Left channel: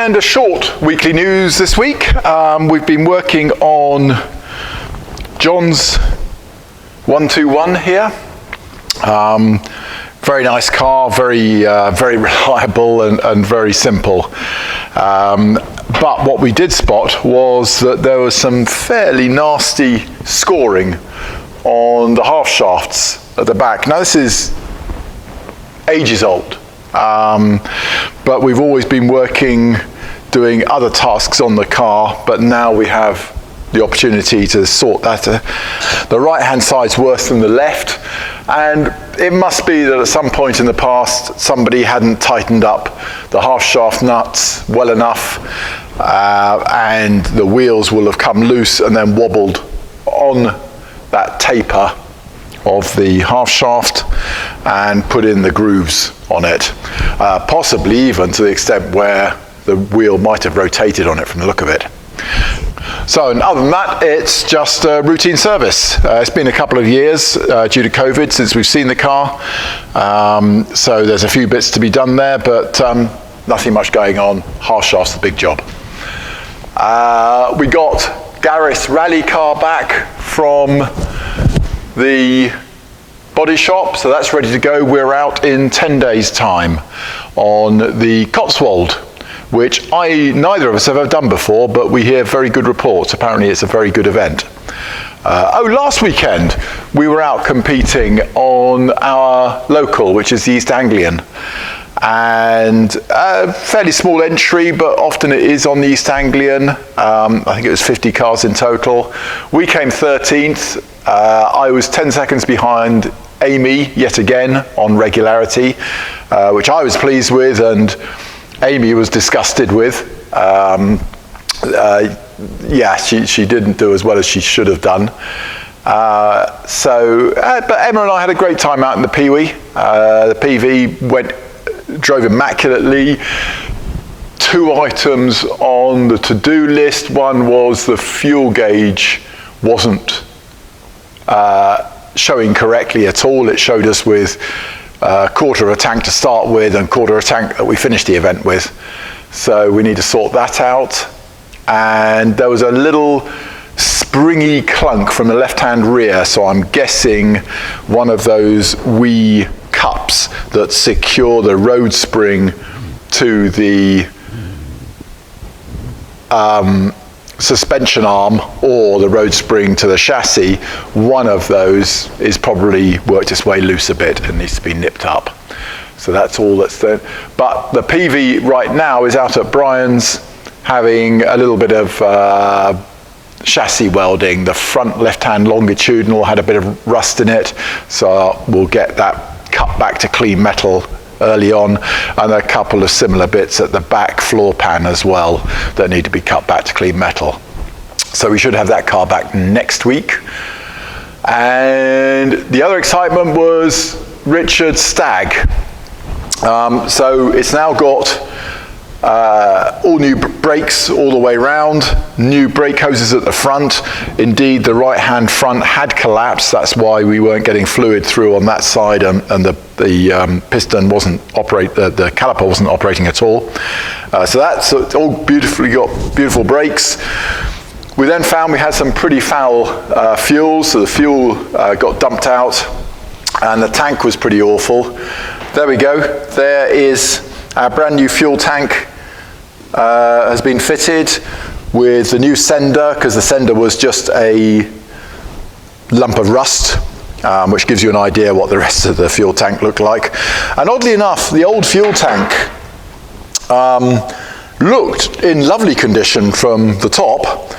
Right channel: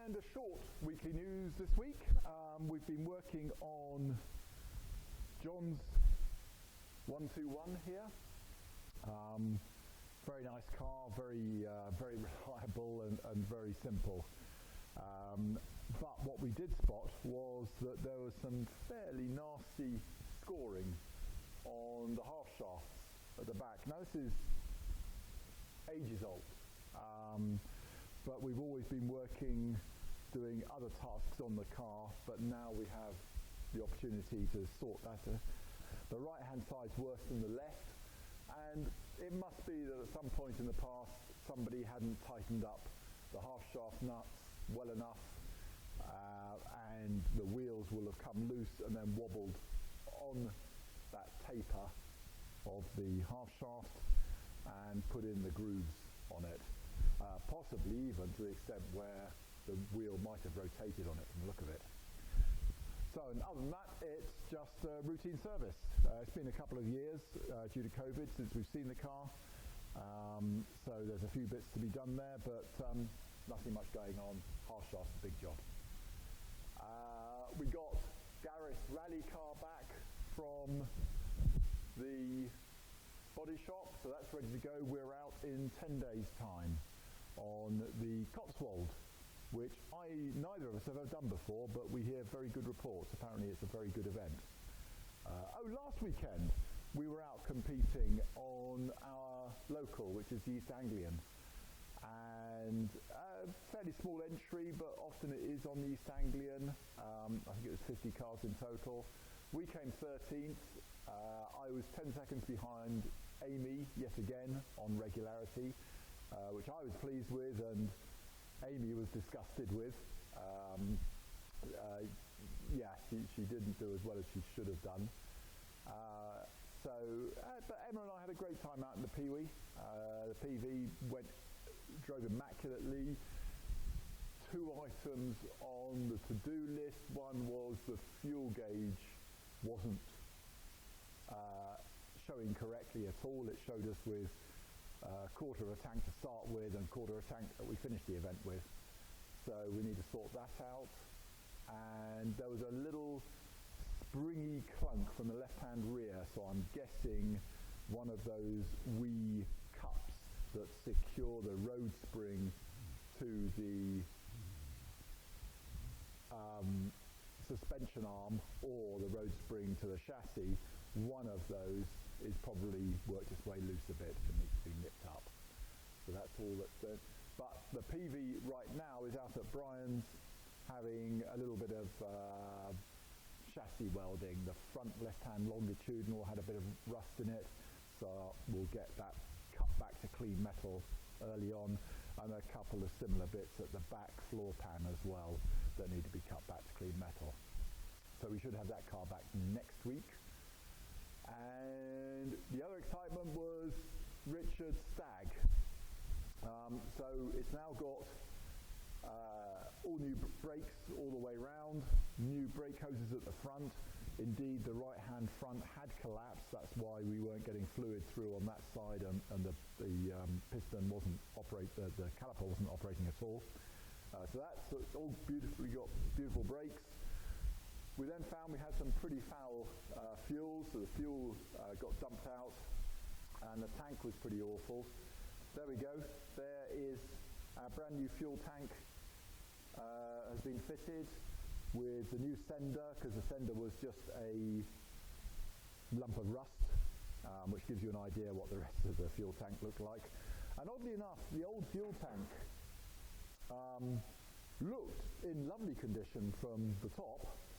And a short weekly news this week. We've been working on John's 121 here. Very nice car, very reliable and very simple. But what we did spot was that there was some fairly nasty scoring on the half shafts at the back. Now this is ages old, but we've always been doing other tasks on the car, but now we have the opportunity to sort that. The right hand side's worse than the left, and it must be that at some point in the past somebody hadn't tightened up the half shaft nuts well enough, and the wheels will have come loose and then wobbled on that taper of the half shaft and put in the grooves on it, possibly even to the extent where the wheel might have rotated on it from the look of it. So, and other than that, it's just a routine service. It's been a couple of years due to COVID since we've seen the car, so there's a few bits to be done there, but nothing much going on. Half shaft's the big job. We got Gareth's rally car back from the body shop, so that's ready to go. We're out in 10 days' time on the Cotswold, which neither of us have ever done before, but we hear very good reports. Apparently it's a very good event. Last weekend we were out competing on our local, which is the East Anglian, and a fairly small entry, but often it is on the East Anglian. I think it was 50 cars in total. We came 13th. I was 10 seconds behind Amy yet again on regularity, which I was pleased with and Amy was disgusted with. Yeah, she didn't do as well as she should have done. But Emma and I had a great time out in the Pee-wee. The PV drove immaculately. 2 items on the to-do list. One was the fuel gauge wasn't showing correctly at all. It showed us with a quarter of a tank to start with and quarter of a tank that we finished the event with. So we need to sort that out. And there was a little springy clunk from the left-hand rear, so I'm guessing one of those wee cups that secure the road spring to the suspension arm or the road spring to the chassis. One of those is probably worked its way loose a bit and needs to be nipped up. So that's all that's there. But the PV right now is out at Brian's having a little bit of chassis welding. The front left-hand longitudinal had a bit of rust in it, so we'll get that cut back to clean metal early on, and a couple of similar bits at the back floor pan as well that need to be cut back to clean metal. So we should have that car back next week. And the other excitement was Richard's Stag. So it's now got all new brakes all the way round, new brake hoses at the front. Indeed, the right-hand front had collapsed. That's why we weren't getting fluid through on that side, and the piston wasn't the caliper wasn't operating at all. So that's all beautifully got beautiful brakes. We then found we had some pretty foul fuel, so the fuel got dumped out, and the tank was pretty awful. There we go. There is our brand new fuel tank has been fitted with the new sender, because the sender was just a lump of rust, which gives you an idea what the rest of the fuel tank looked like. And oddly enough, the old fuel tank looked in lovely condition from the top,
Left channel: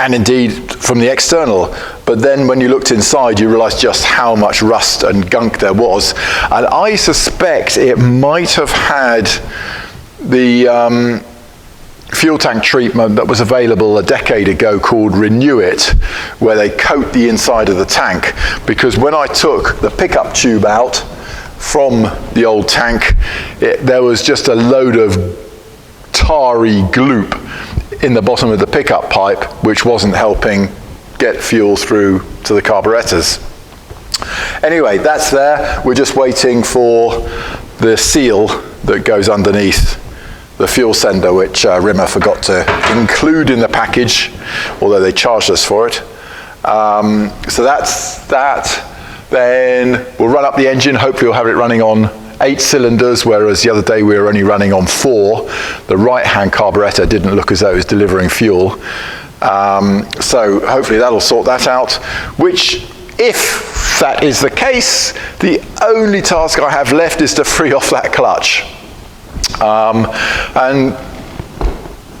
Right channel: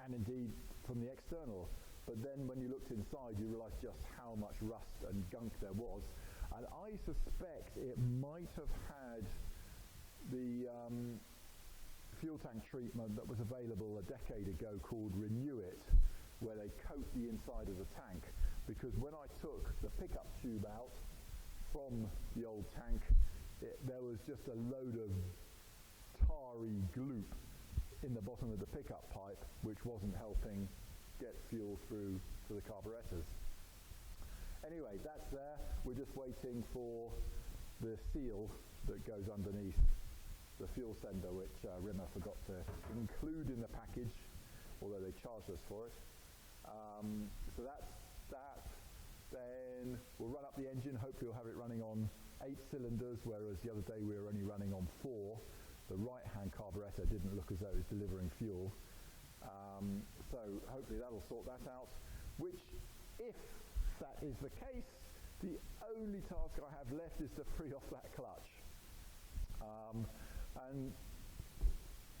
and indeed from the external. But then when you looked inside, you realized just how much rust and gunk there was. And I suspect it might have had the fuel tank treatment that was available a decade ago called Renew It, where they coat the inside of the tank. Because when I took the pickup tube out from the old tank, there was just a load of tarry gloop in the bottom of the pickup pipe, which wasn't helping get fuel through to the carburetors. Anyway, that's there. We're just waiting for the seal that goes underneath the fuel sender, which Rimmer forgot to include in the package, although they charged us for it. So that's that. Then we'll run up the engine. Hopefully we'll have it running on 8 cylinders, whereas the other day we were only running on 4. The right-hand carburettor didn't look as though it was delivering fuel. So hopefully that'll sort that out, which, if that is the case, the only task I have left is to free off that clutch. And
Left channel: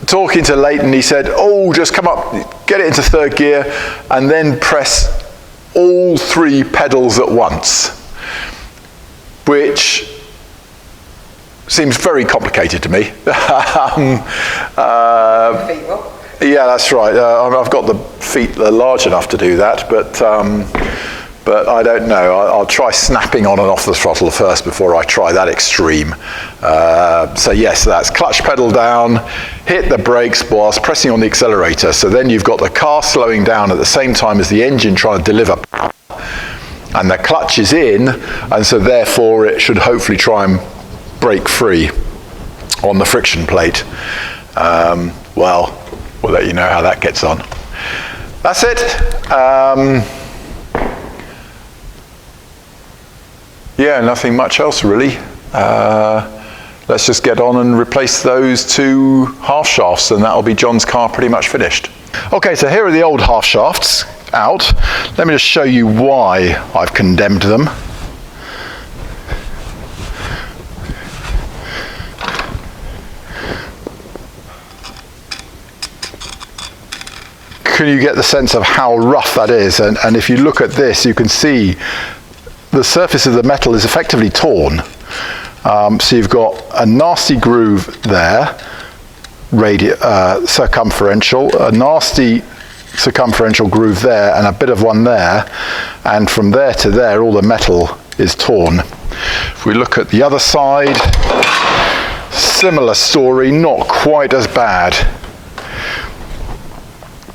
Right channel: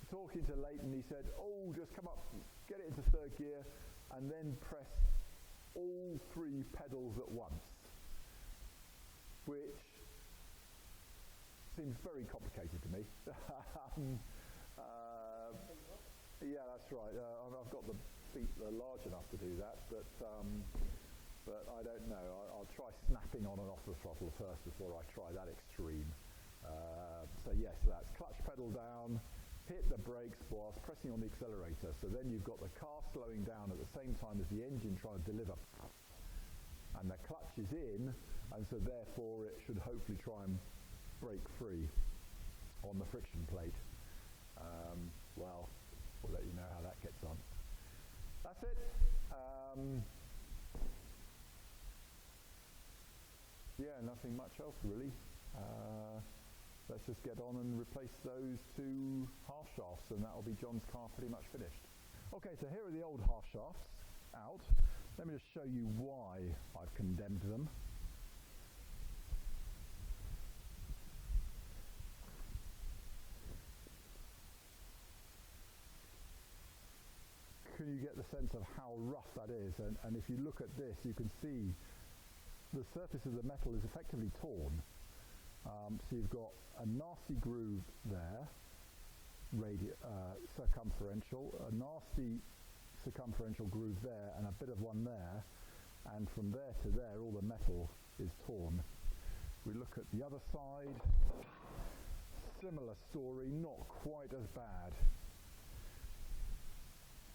talking to Leighton, he said, oh, just come up, get it into 3rd gear, and then press all 3 pedals at once, which seems very complicated to me. Yeah, that's right. I've got the feet large enough to do that, but I don't know. I'll try snapping on and off the throttle first before I try that extreme. So yes, that's clutch pedal down, hit the brakes whilst pressing on the accelerator. So then you've got the car slowing down at the same time as the engine trying to deliver power. And the clutch is in, and so therefore it should hopefully try and break free on the friction plate. Well, we'll let you know how that gets on. That's it. Yeah, nothing much else really. Let's just get on and replace those 2 half shafts, and that'll be John's car pretty much finished. Okay, so here are the old half shafts out. Let me just show you why I've condemned them. Can you get the sense of how rough that is? And if you look at this, you can see the surface of the metal is effectively torn. So you've got a nasty groove there, circumferential, a nasty circumferential groove there, and a bit of one there. And from there to there, all the metal is torn. If we look at the other side, similar story, not quite as bad.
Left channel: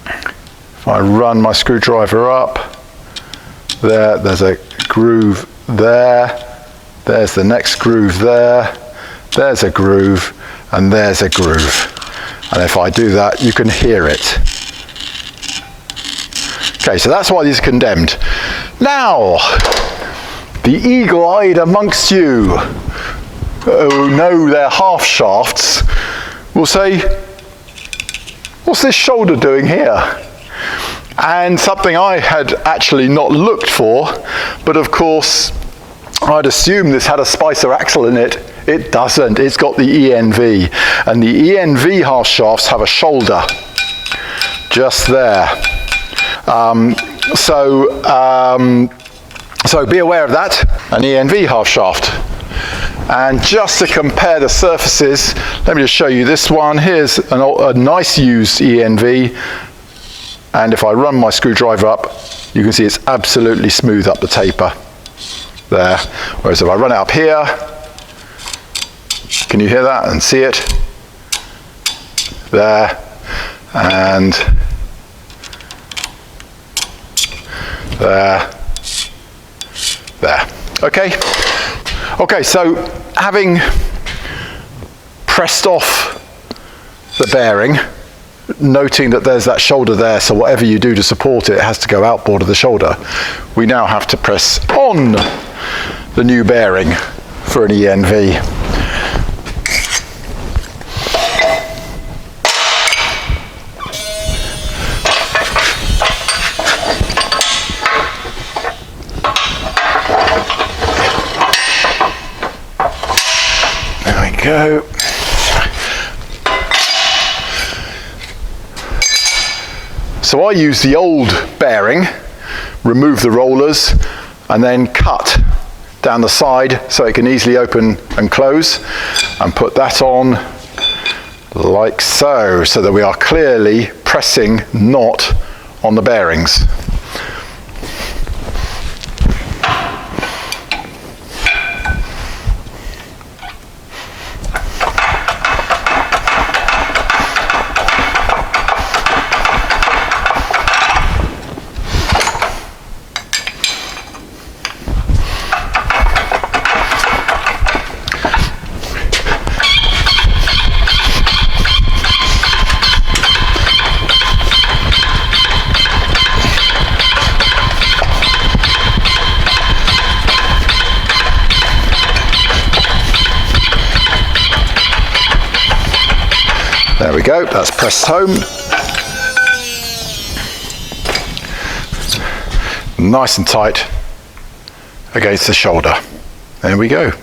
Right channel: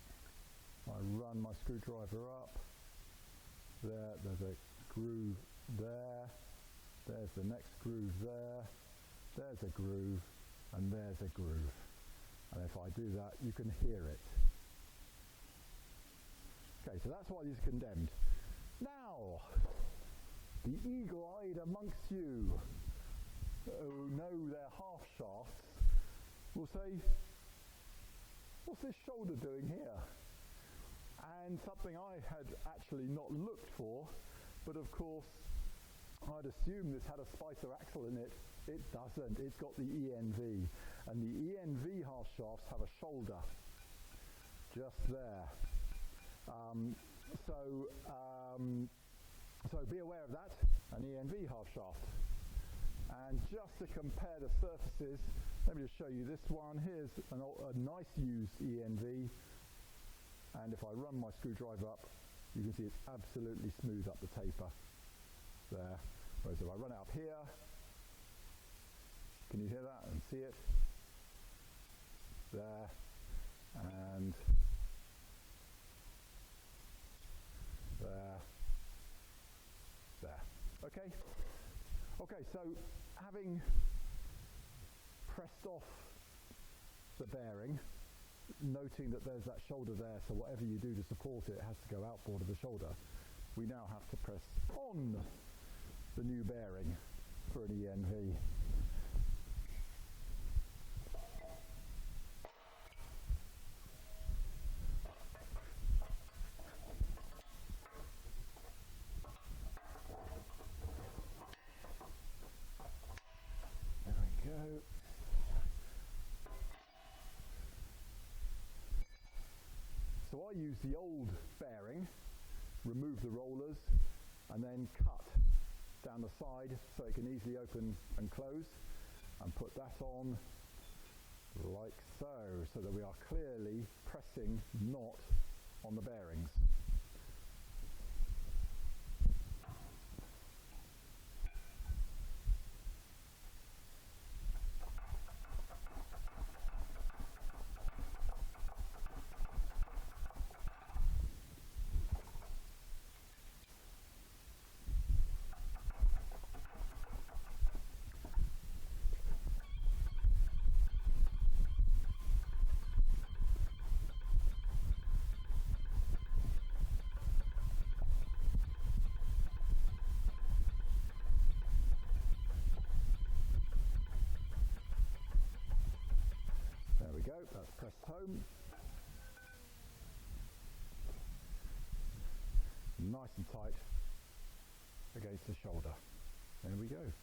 If I run my screwdriver up, there's a groove there, there's the next groove there, there's a groove, and there's a groove. And if I do that, you can hear it. Okay, so that's why these are condemned. Now, the eagle-eyed amongst you who know their half shafts will say, what's this shoulder doing here? And something I had actually not looked for, but of course I'd assume this had a Spicer axle in it. It doesn't. It's got the ENV, and the ENV half shafts have a shoulder just there. So be aware of that, an ENV half shaft. And just to compare the surfaces, let me just show you this one. Here's a nice used ENV. And if I run my screwdriver up, you can see it's absolutely smooth up the taper there. Whereas if I run it up here, can you hear that and see it? There, and there, there. Okay? Okay, so having pressed off the bearing, noting that there's that shoulder there, so whatever you do to support it, it has to go outboard of the shoulder. We now have to press on the new bearing for an ENV. There we go. So I use the old bearing, remove the rollers, and then cut down the side so it can easily open and close, and put that on like so, so that we are clearly pressing not on the bearings. we go, that's pressed home. Nice and tight against the shoulder. There we go.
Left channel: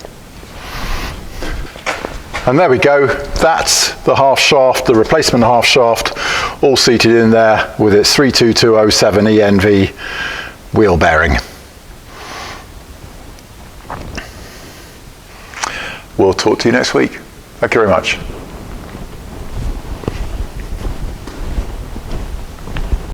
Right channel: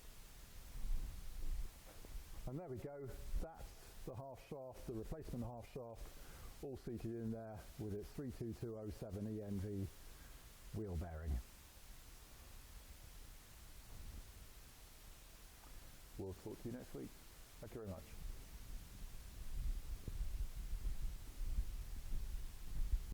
And there we go, that's the half shaft, the replacement half shaft, all seated in there with its 32207 ENV wheel bearing. We'll talk to you next week. Thank you very much.